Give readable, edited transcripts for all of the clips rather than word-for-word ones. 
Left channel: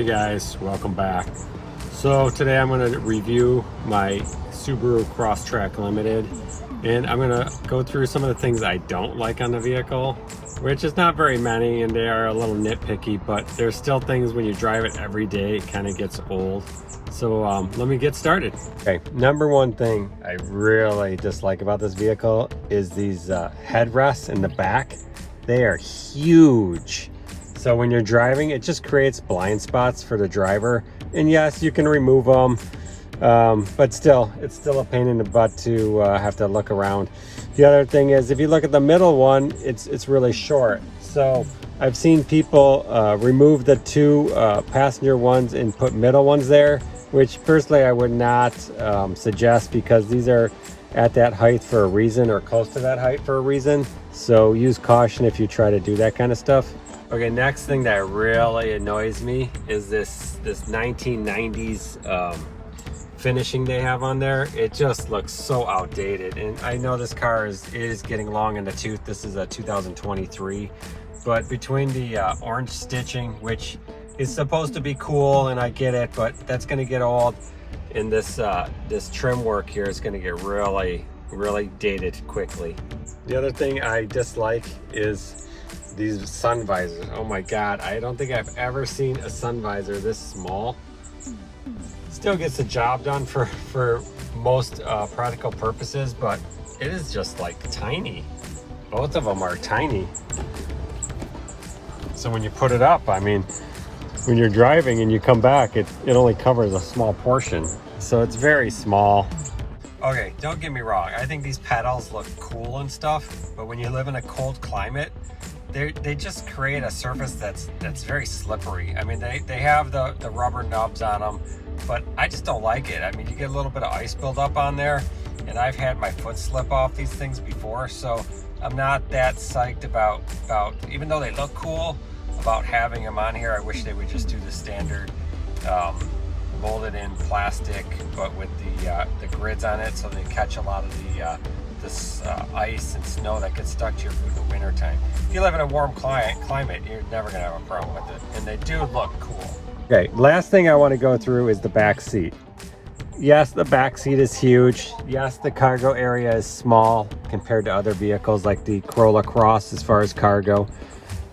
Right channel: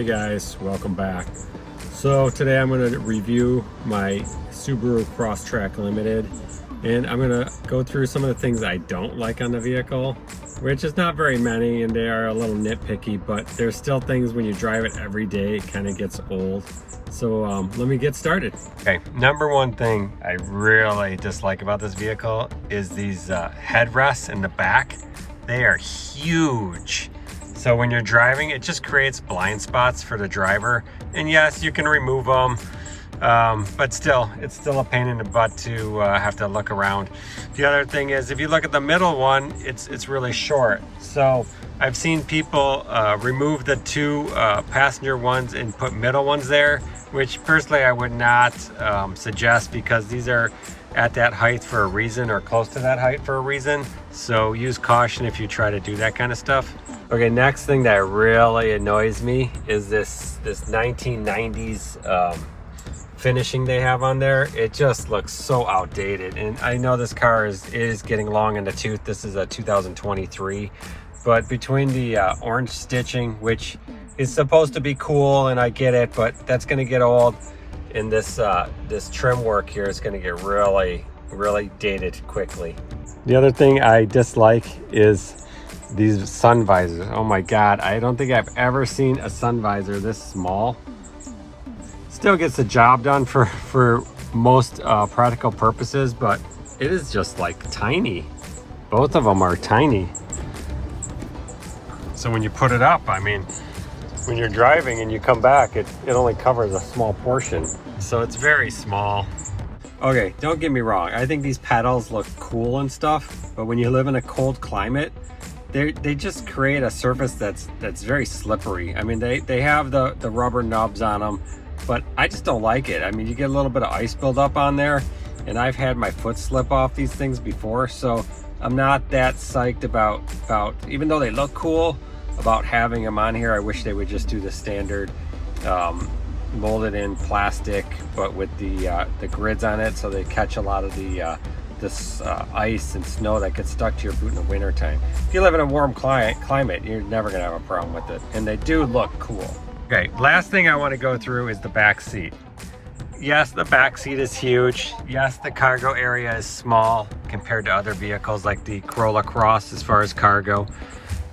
Hey guys, welcome back. So today I'm going to review my Subaru Crosstrek Limited, and I'm going to go through some of the things I don't like on the vehicle, which is not very many, and they are a little nitpicky, but there's still things when you drive it every day, it kind of gets old. So let me get started. Okay, number one thing I really dislike about this vehicle is these headrests in the back. They are huge. So when you're driving, it just creates blind spots for the driver. And yes, you can remove them, but still, it's still a pain in the butt to have to look around. The other thing is, if you look at the middle one, it's really short. So I've seen people remove the two passenger ones and put middle ones there, which personally I would not suggest, because these are at that height for a reason, or close to that height for a reason. So use caution if you try to do that kind of stuff. Okay, next thing that really annoys me is this 1990s finishing they have on there. It just looks so outdated, and I know this car is getting long in the tooth. This is a 2023, but between the orange stitching, which is supposed to be cool, and I get it, but that's going to get old, and this trim work here is going to get really dated quickly. The other thing I dislike is these sun visors. Oh my god, I don't think I've ever seen a sun visor this small. Still gets the job done for most practical purposes, but it is just like tiny. Both of them are tiny. So when you put it up, I mean, when you're driving and you come back, it only covers a small portion. So it's very small. Okay, don't get me wrong, I think these pedals look cool and stuff, but when you live in a cold climate, they just create a surface that's very slippery. I mean, they have the rubber nubs on them, but I just don't like it. I mean, you get a little bit of ice buildup on there, and I've had my foot slip off these things before, so I'm not that psyched about even though they look cool, about having them on here. I wish they would just do the standard molded in plastic, but with the grids on it, so they catch a lot of this ice and snow that gets stuck to your boot in the winter time. If you live in a warm climate, you're never gonna have a problem with it, and they do look cool. Okay, last thing I want to go through is the back seat. Yes, the back seat is huge. Yes, the cargo area is small compared to other vehicles like the Corolla Cross as far as cargo.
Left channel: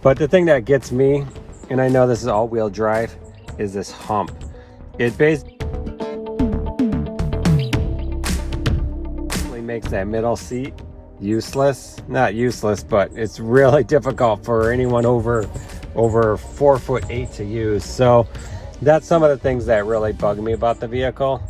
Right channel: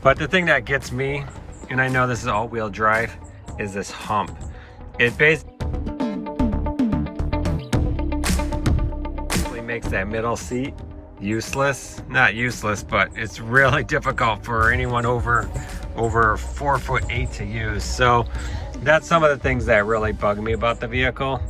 But the thing that gets me, and I know this is all-wheel drive, is this hump. It basically makes that middle seat useless. Not useless, but it's really difficult for anyone over 4'8" to use. So that's some of the things that really bug me about the vehicle.